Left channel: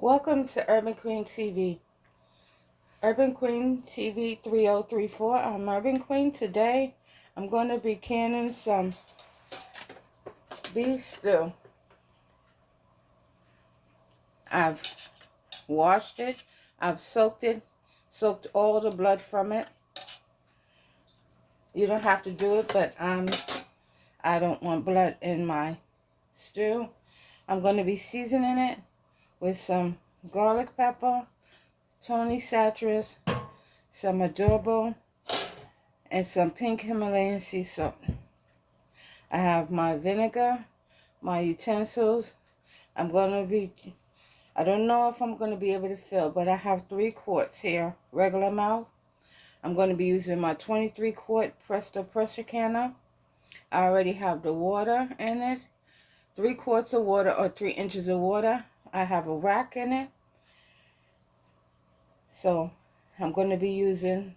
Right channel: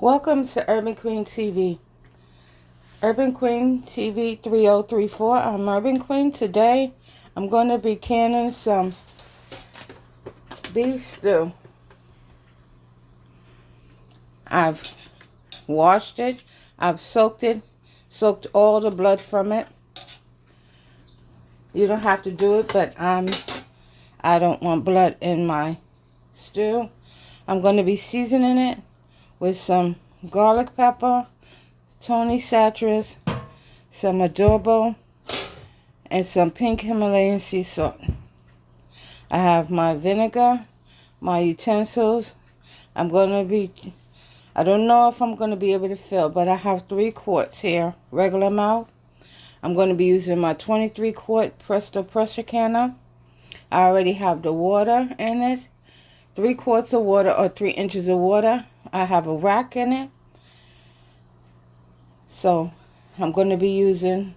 Welcome to Urban Queen TV. Urban Queen TV 3034. I'm Urban Queen. Today I'm going to be canning some beef stew. I've washed it. I've soaked all the blood from it. You don't have to do it, but I don't want blood in my stew. I'm going to be seasoning it with some garlic pepper, Tony Satras, some adobo, and some pink Himalayan sea salt. I have my vinegar, my utensils. I don't know if I'm going to be able to fill, but I have 3 quarts here, regular mouth. I'm going to be using my 23 quart Presto pressure canner. I already have the water in it, 3 quarts of water or 3 inches of water. I have a rack in it. So I'm going to be using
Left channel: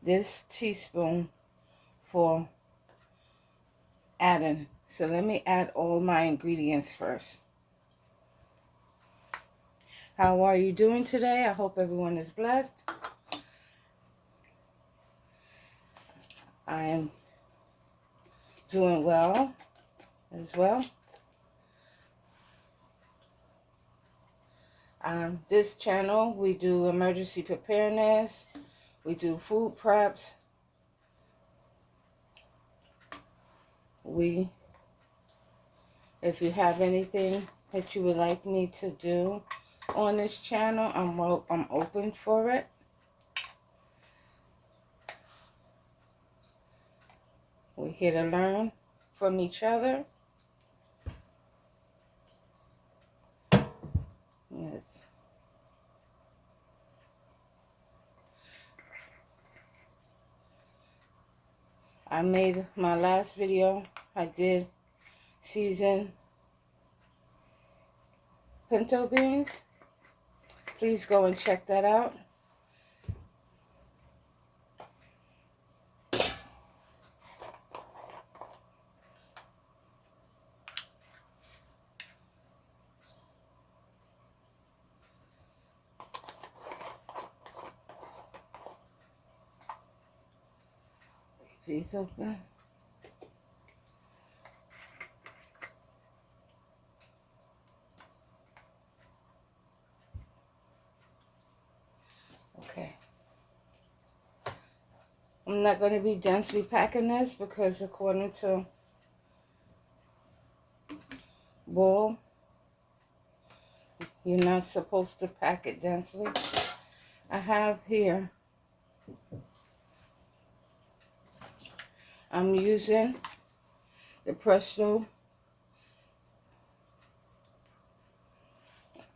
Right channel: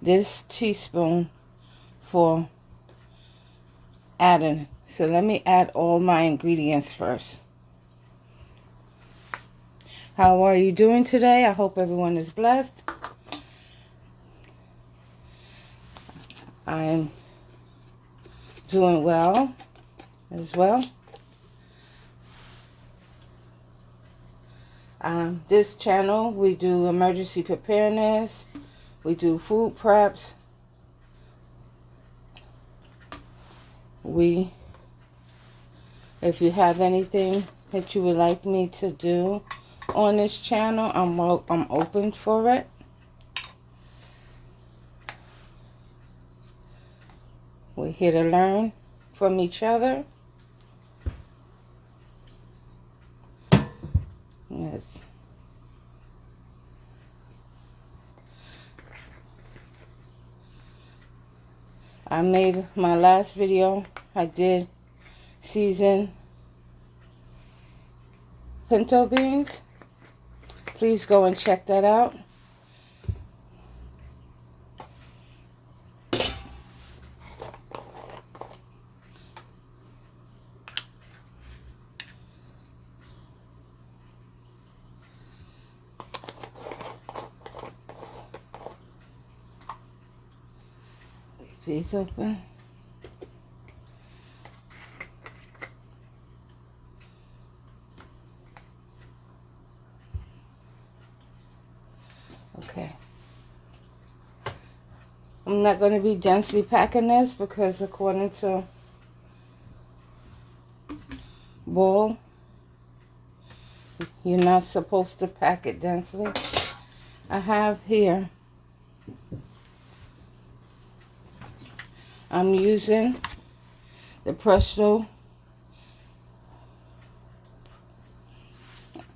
this teaspoon for adding. So let me add all my ingredients first. How are you doing today? I hope everyone is blessed. I'm doing well as well. This channel, we do emergency preparedness. We do food preps. If you have anything that you would like me to do on this channel, I'm open for it. We're here to learn from each other. Yes. I made my last video. I did season pinto beans. Please go and check that out. These open. Okay. I'm not going to be densely packing this because according to Ball, you're not supposed to pack it densely. I have here, I'm using the Presto.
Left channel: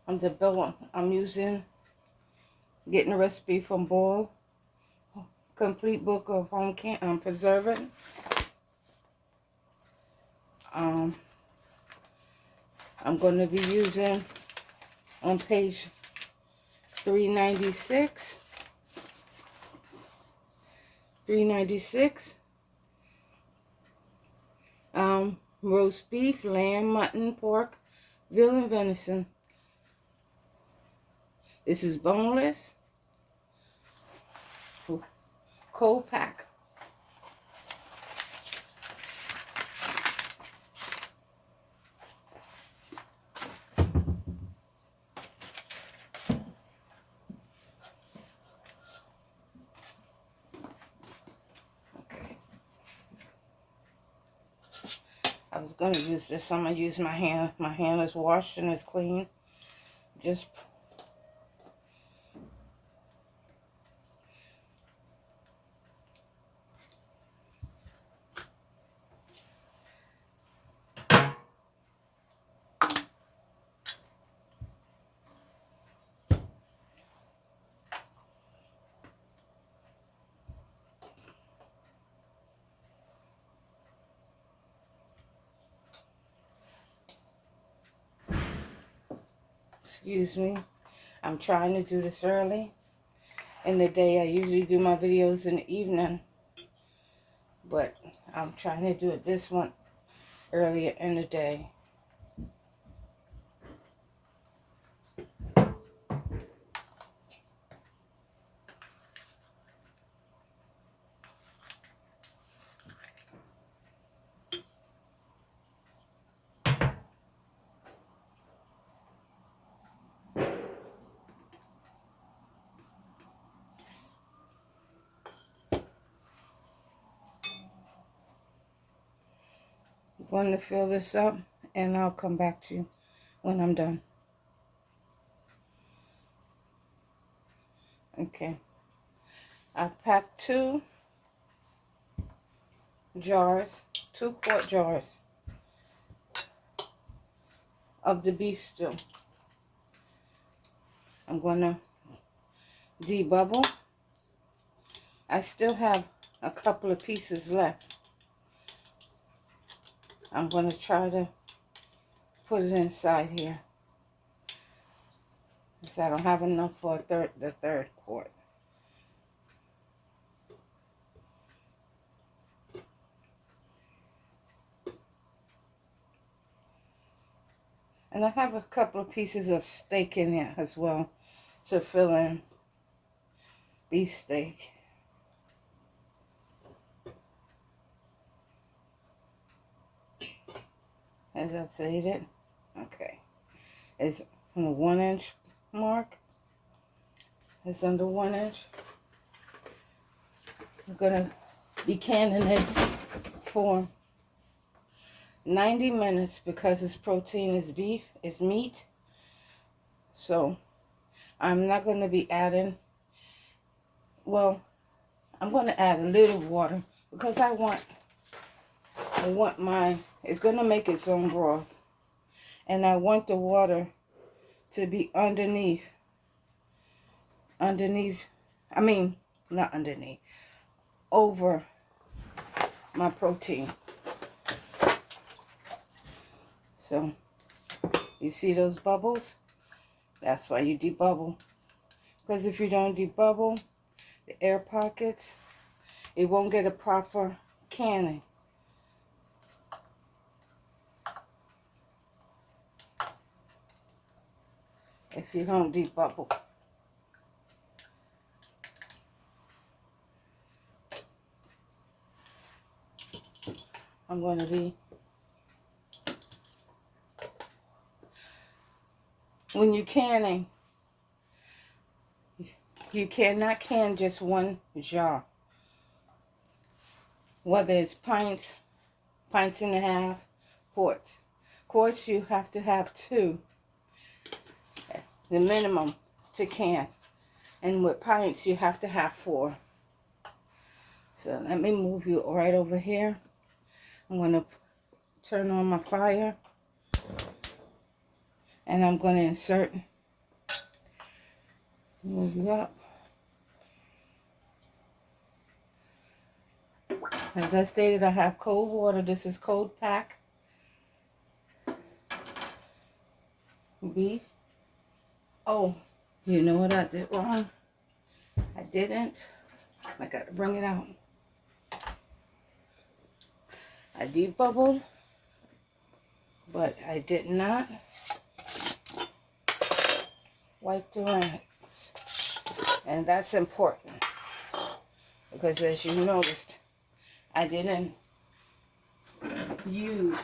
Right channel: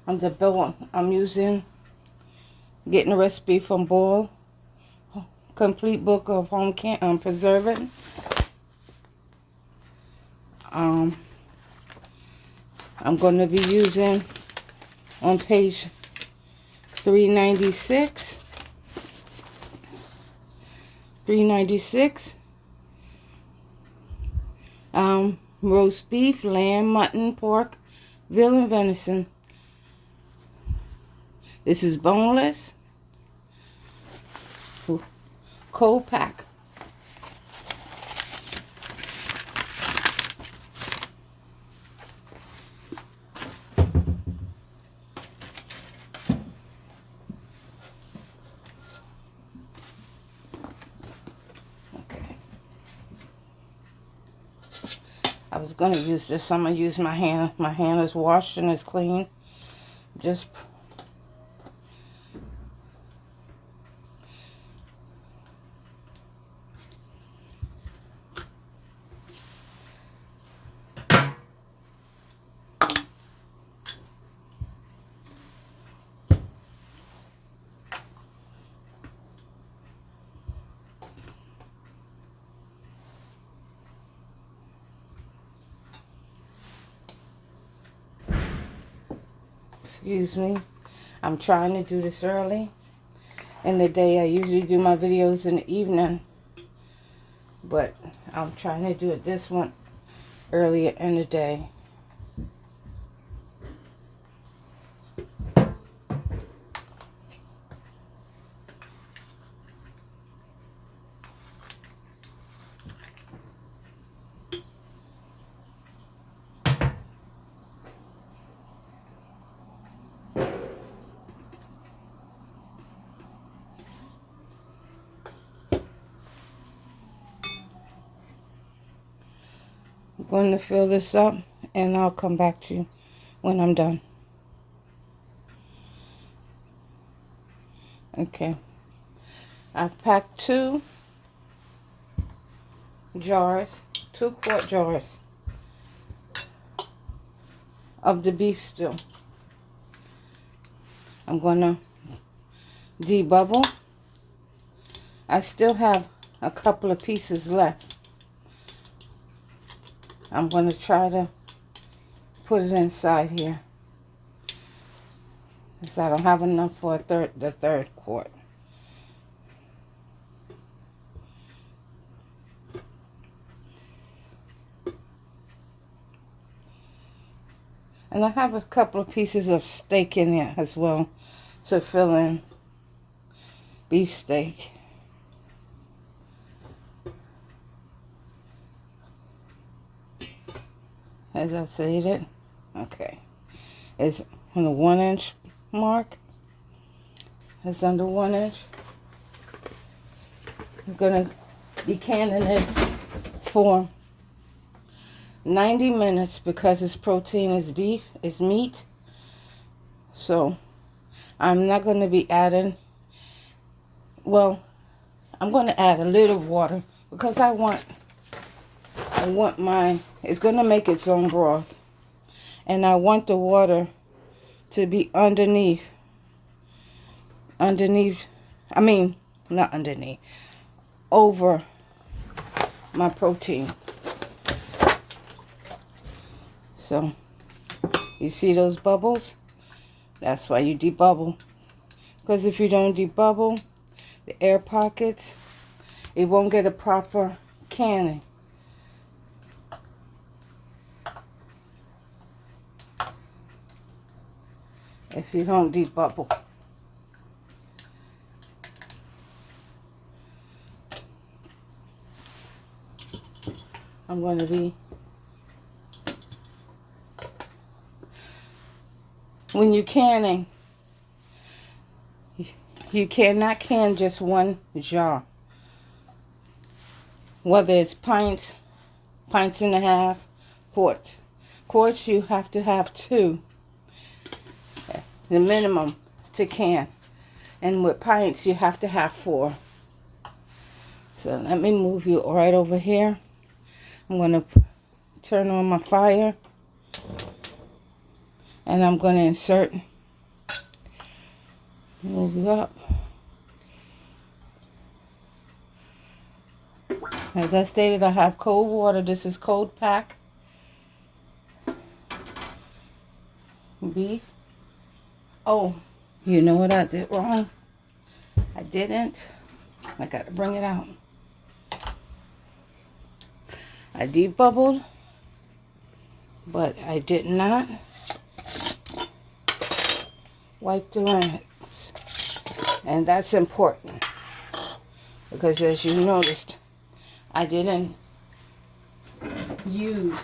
I'm using, getting a recipe from Ball, complete book of home preserving. I'm going to be using on page 396. Roast beef, lamb, mutton, pork, veal, and venison. This is boneless. Cold pack. Okay. I was going to use this. I'm going to use my hand. My hand is washed and is clean. Just excuse me. I'm trying to do this early in the day. I usually do my videos in the evening, but I'm trying to do it this one earlier in the day. I'm going to fill this up and I'll come back to you when I'm done. Okay. I've packed 2 jars, 2-quart jars of the beef stew. I'm going to debubble. I still have a couple of pieces left. I'm going to try to put it inside here, because I don't have enough for the third quart. And I have a couple of pieces of steak in there as well to fill in beef steak. As I said, okay, it's on the 1-inch mark. It's under 1 inch. I'm gonna be canning this for 90 minutes because its protein is beef, it's meat. So I'm not going to be adding, well, I'm going to add a little water because I want my, it's going to make its own broth. And I want the water to be underneath, I mean, not underneath, over my protein. So, you see those bubbles? That's why you debubble. Because if you don't debubble the air pockets, it won't get a proper canning. If you don't debubble. I'm going to be, when you're canning, you cannot can just one jar. Whether it's pints, pints and a half, quarts. Quarts you have to have 2, the minimum to can. And with pints you have to have 4. So let me move you right over here. I'm going to turn on my fire. And I'm going to insert, move you up. As I stated, I have cold water. This is cold pack beef. Oh, you know what I did wrong? I didn't. I got to bring it out. I debubbled, but I did not wipe the rinse. And that's important because, as you noticed, I didn't use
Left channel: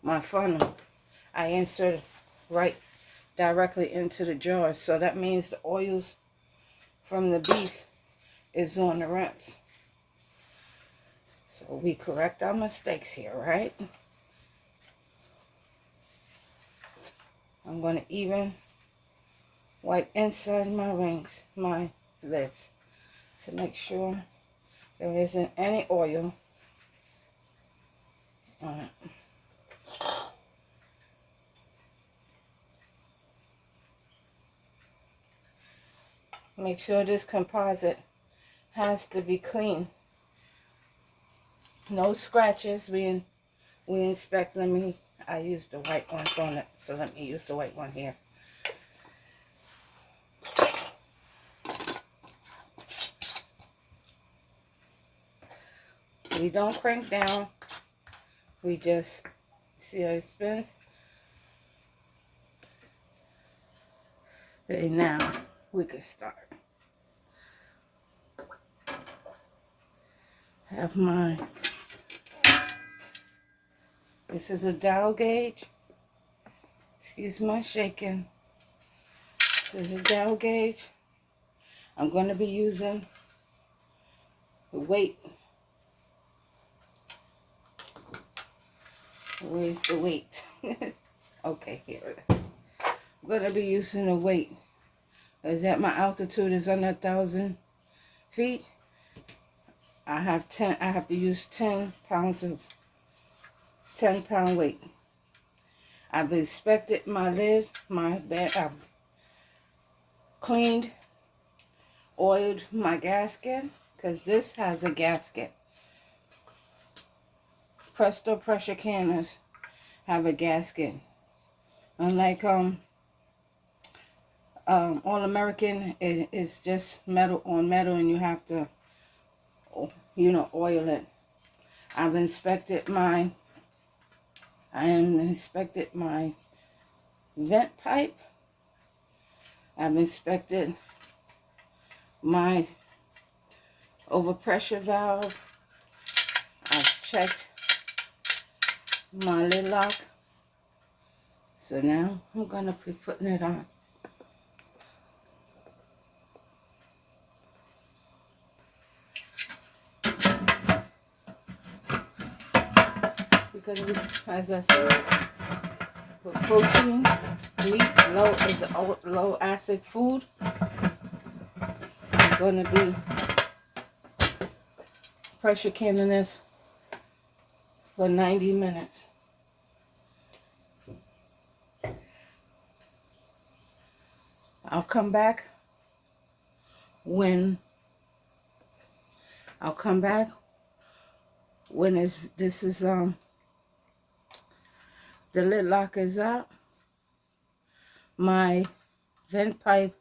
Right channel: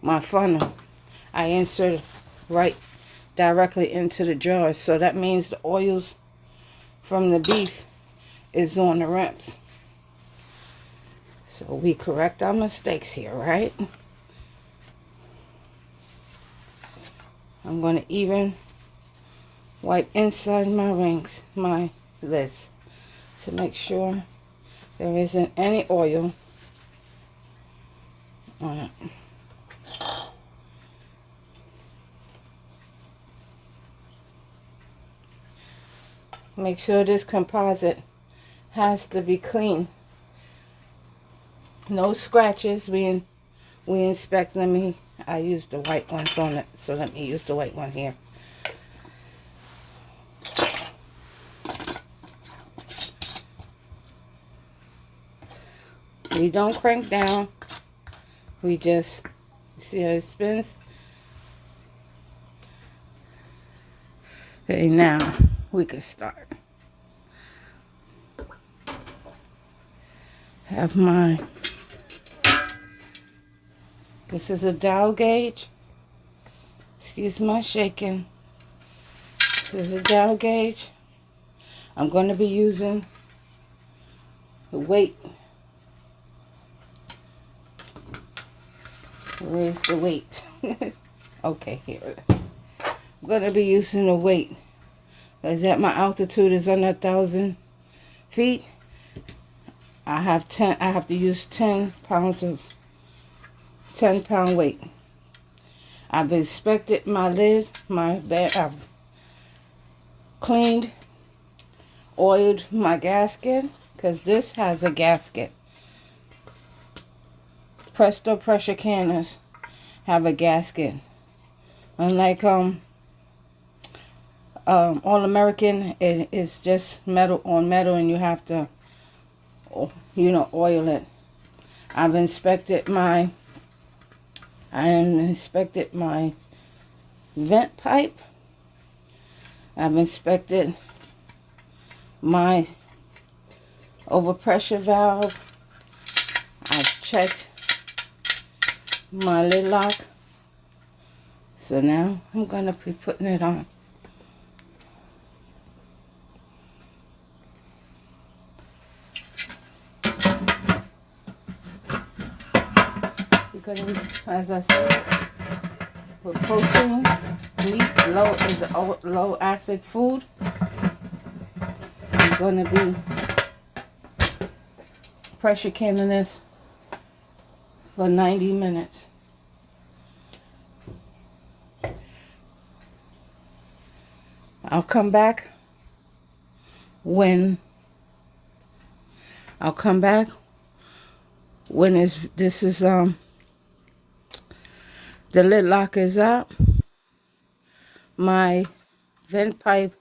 my funnel. I inserted right directly into the jar, so that means the oils from the beef is on the rims. So we correct our mistakes here, right? I'm going to even wipe inside my rings, my lids, to make sure there isn't any oil on it. Make sure this composite has to be clean. No scratches. We inspect. I used the white ones on it, so let me use the white one here. We don't crank down. We just see how it spins. Okay, now we can start. Have my, this is a dial gauge. Excuse my shaking. This is a dial gauge. I'm going to be using the weight. Where's the weight? Okay, here it is. I'm going to be using the weight. Because at my altitude is under 1,000 feet. I have to use 10 pounds of 10-pound weight. I've inspected my lid, my bed. I've cleaned, oiled my gasket, because this has a gasket. Presto pressure canners have a gasket. Unlike All American is just metal on metal, and you have to, oil it. I've inspected my vent pipe. I've inspected my overpressure valve. I've checked my lid lock. So now I'm going to be putting it on. Because as I said, for protein, meat, low acid food, I'm going to be pressure canning this for 90 minutes. I'll come back when the lid lock is up. My vent pipe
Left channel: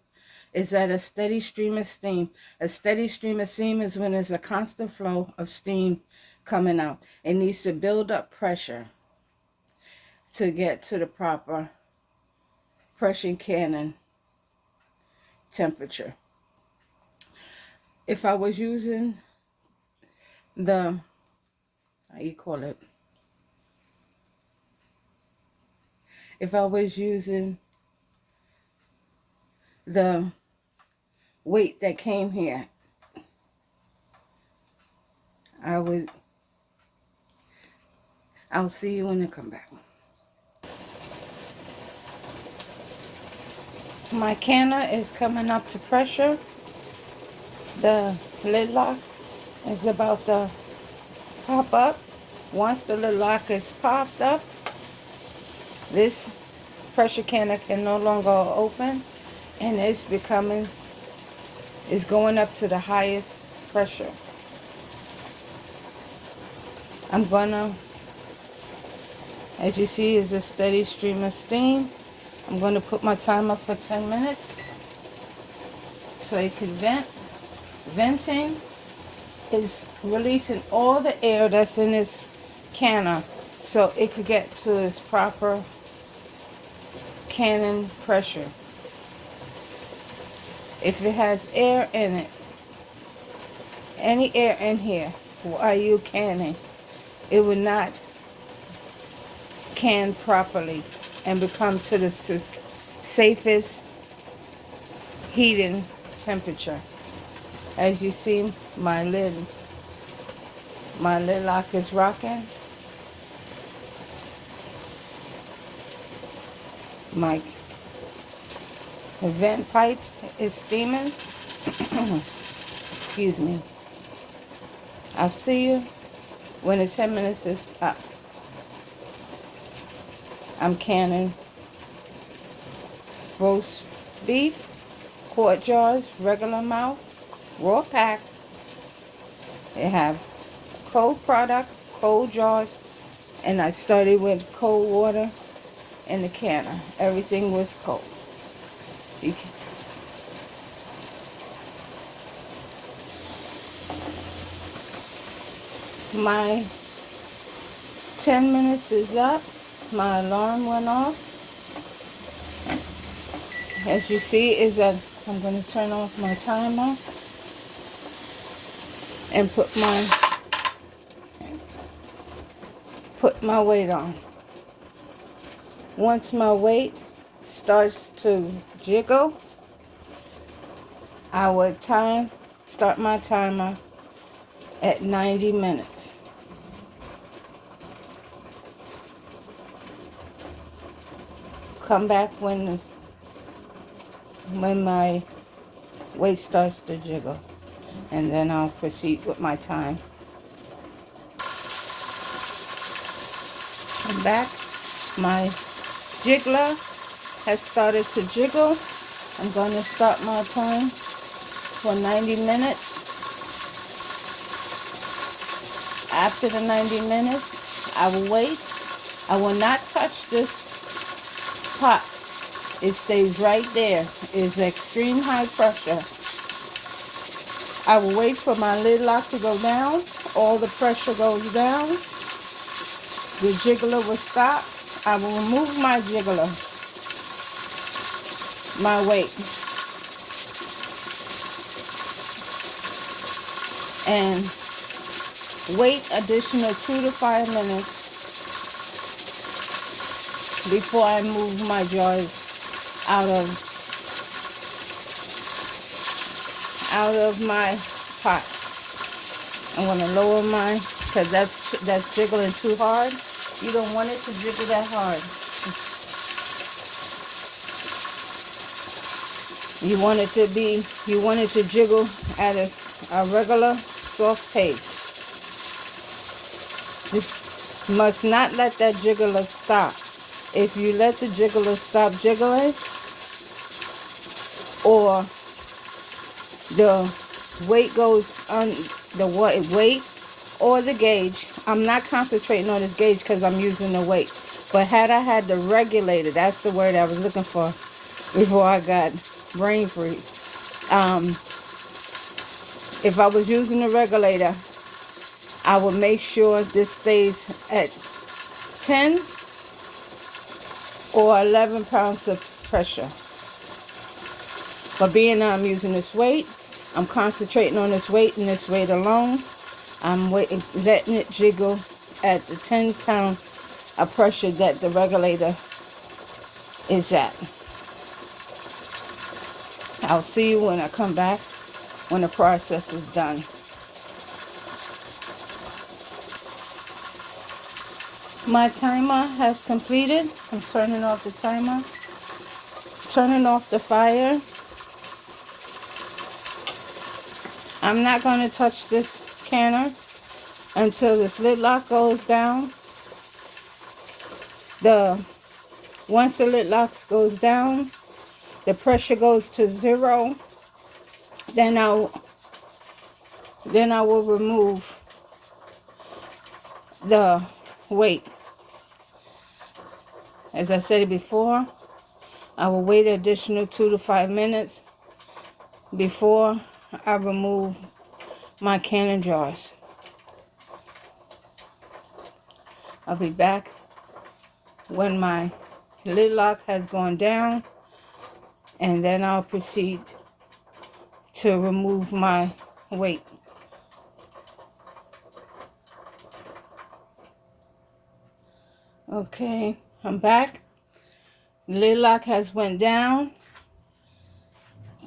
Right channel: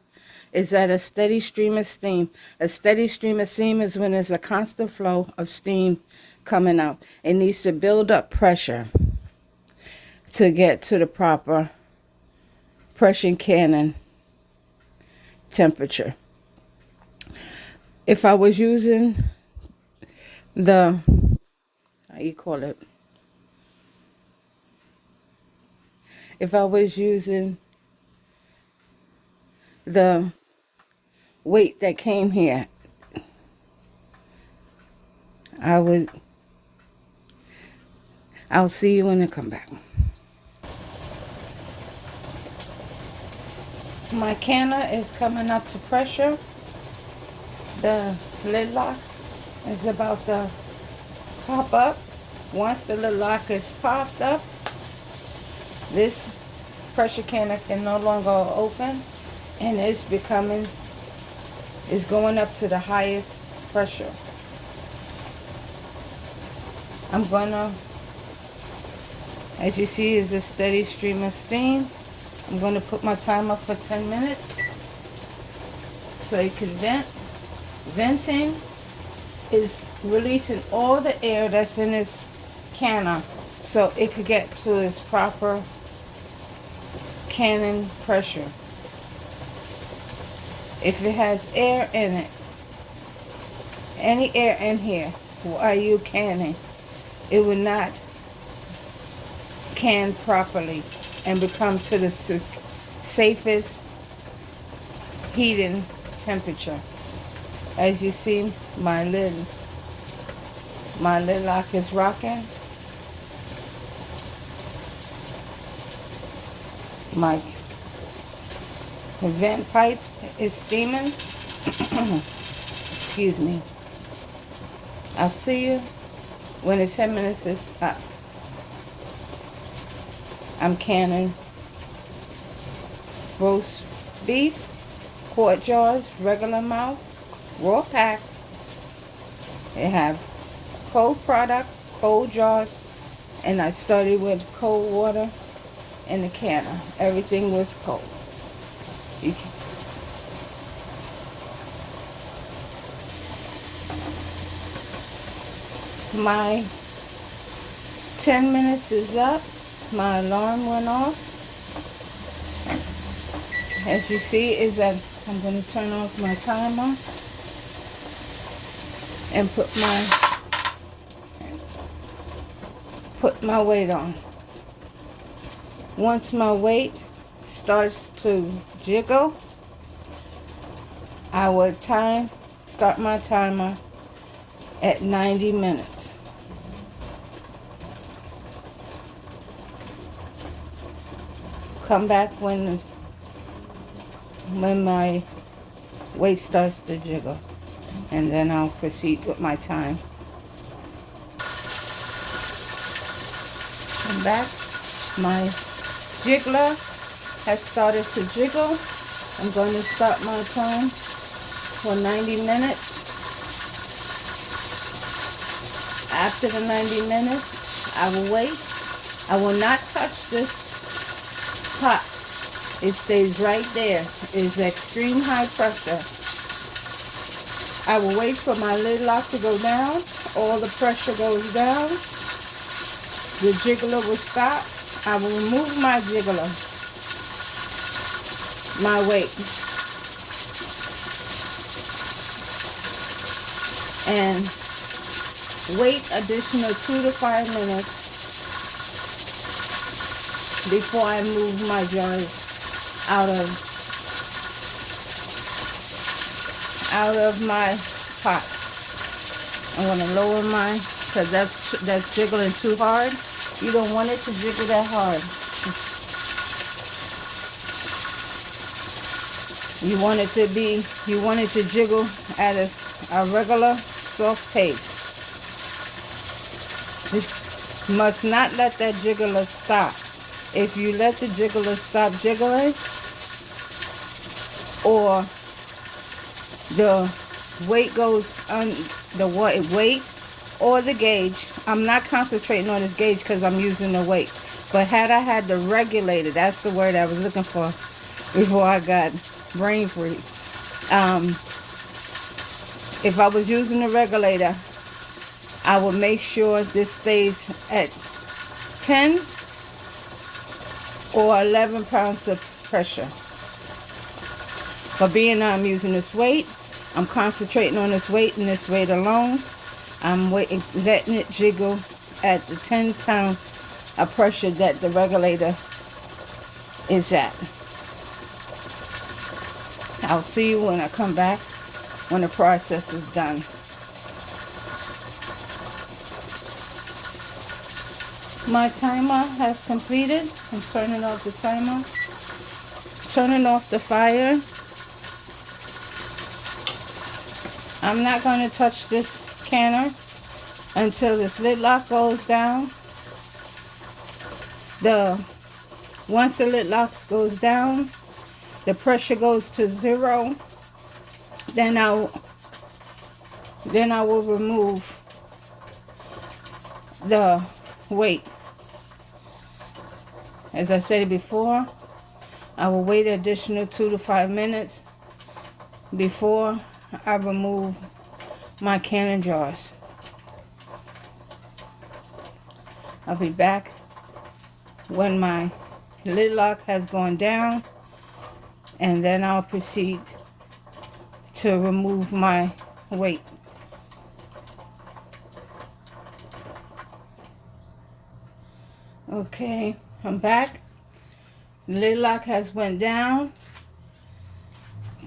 is at a steady stream of steam. A steady stream of steam is when there's a constant flow of steam coming out. It needs to build up pressure to get to the proper pressure canning temperature. If I was using the, if I was using the weight that came here, I'll see you when I come back. My canner is coming up to pressure. The lid lock is about to pop up. Once the lid lock is popped up, this pressure canner can no longer open, and it's going up to the highest pressure. I'm gonna, as you see, is a steady stream of steam. I'm gonna put my timer for 10 minutes so it can vent. Venting is releasing all the air that's in this canner so it could get to its proper canning pressure. If it has air in it, any air in here while you canning, it will not can properly and become to the safest heating temperature. As you see, my lid lock is rocking. My vent pipe is steaming. Excuse me. I'll see you when the 10 minutes is up. I'm canning roast beef, quart jars, regular mouth, raw pack. They have cold product, cold jars, and I started with cold water in the canner. Everything was cold. My 10 minutes is up. My alarm went off. As you see, is that I'm going to turn off my timer and put my weight on. Once my weight starts to jiggle, I will start my timer at 90 minutes. Come back when my weight starts to jiggle, and then I'll proceed with my time. I'm back. My jiggler has started to jiggle. I'm going to start my time for 90 minutes. After the 90 minutes, I will wait. I will not touch this pot. It stays right there. It's extreme high pressure. I will wait for my lid lock to go down. All the pressure goes down. The jiggler will stop. I will remove my jiggler, my weight, and wait additional 2 to 5 minutes before I move my jars out of my pot. I'm going to lower mine because that's jiggling too hard. You don't want it to jiggle that hard. You want it to jiggle at a regular soft pace. You must not let that jiggler stop. If you let the jiggler stop jiggling, or the weight goes on the weight or the gauge. I'm not concentrating on this gauge because I'm using the weight. But had I had the regulator, that's the word I was looking for before I got brain freeze. If I was using the regulator, I would make sure this stays at 10 or 11 pounds of pressure. But being I'm using this weight, I'm concentrating on this weight and this weight alone. I'm letting it jiggle at the 10 pound of pressure that the regulator is at. I'll see you when I come back, when the process is done. My timer has completed. I'm turning off the timer. Turning off the fire. I'm not going to touch this canner until this lid lock goes down. Once the lid lock goes down, the pressure goes to 0. Then I will remove the weight. As I said before, I will wait an additional 2 to 5 minutes before I remove my canning jars. I'll be back when my lid lock has gone down, and then I'll proceed to remove my weight. Okay, I'm back. Lid lock has went down.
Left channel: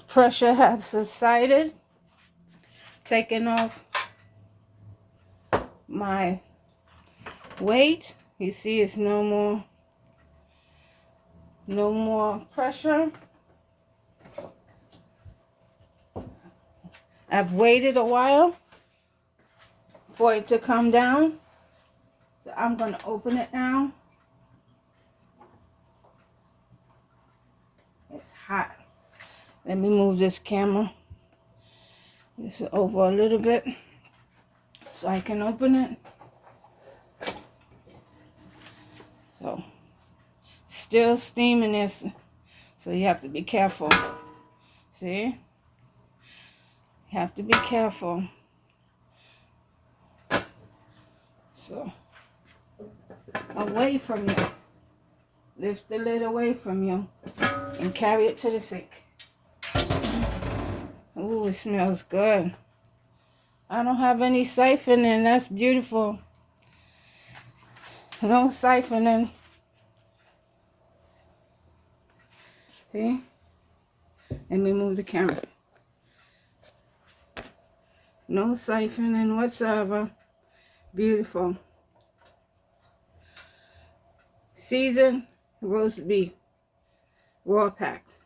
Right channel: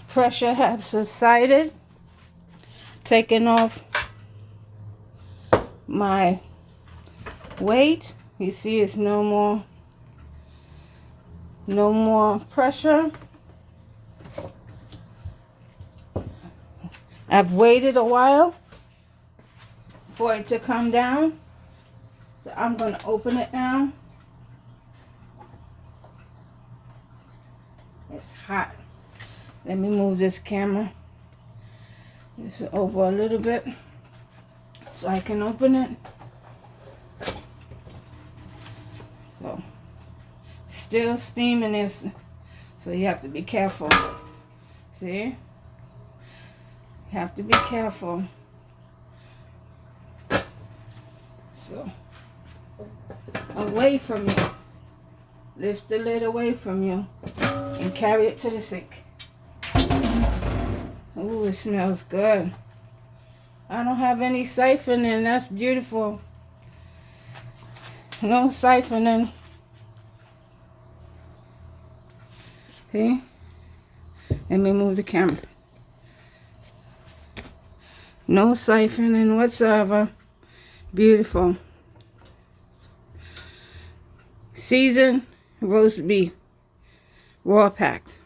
Pressure has subsided. Taking off my weight. You see it's no more pressure. I've waited a while for it to come down. So I'm going to open it now. It's hot. Let me move this camera this over a little bit so I can open it. So, still steaming this, so you have to be careful. See? You have to be careful. So, away from you. Lift the lid away from you and carry it to the sink. Ooh, it smells good. I don't have any siphoning. That's beautiful. No siphoning. See? Let me move the camera. No siphoning whatsoever. Beautiful. Seasoned roast beef. Raw packed.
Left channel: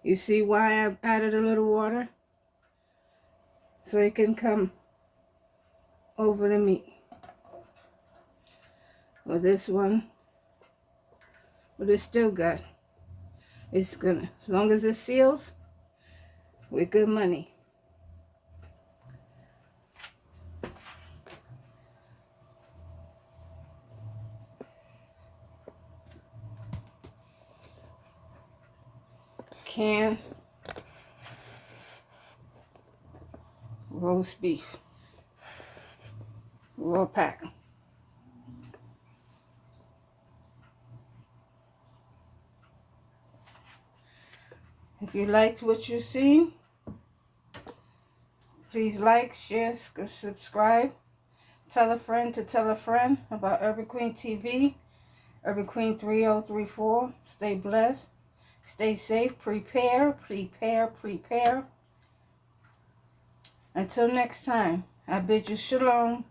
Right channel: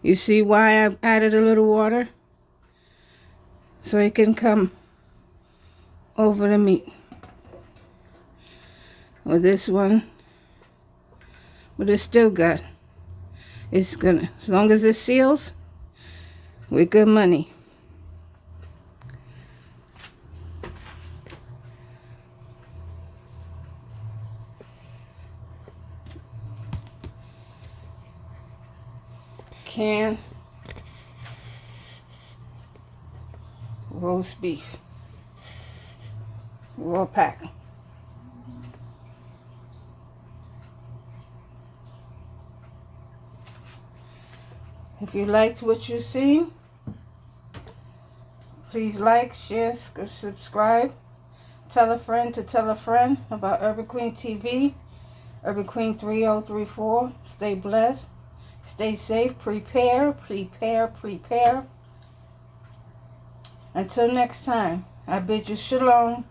You see why I added a little water? So it can come over the meat. Well, this one, but it's still good. It's gonna, as long as it seals, we're good money. Canned roast beef, raw pack. If you liked what you've seen, please like, share, subscribe. Tell a friend to tell a friend about Urban Queen TV, Urban Queen 3034. Stay blessed. Stay safe. Prepare, prepare, prepare. Until next time, I bid you shalom.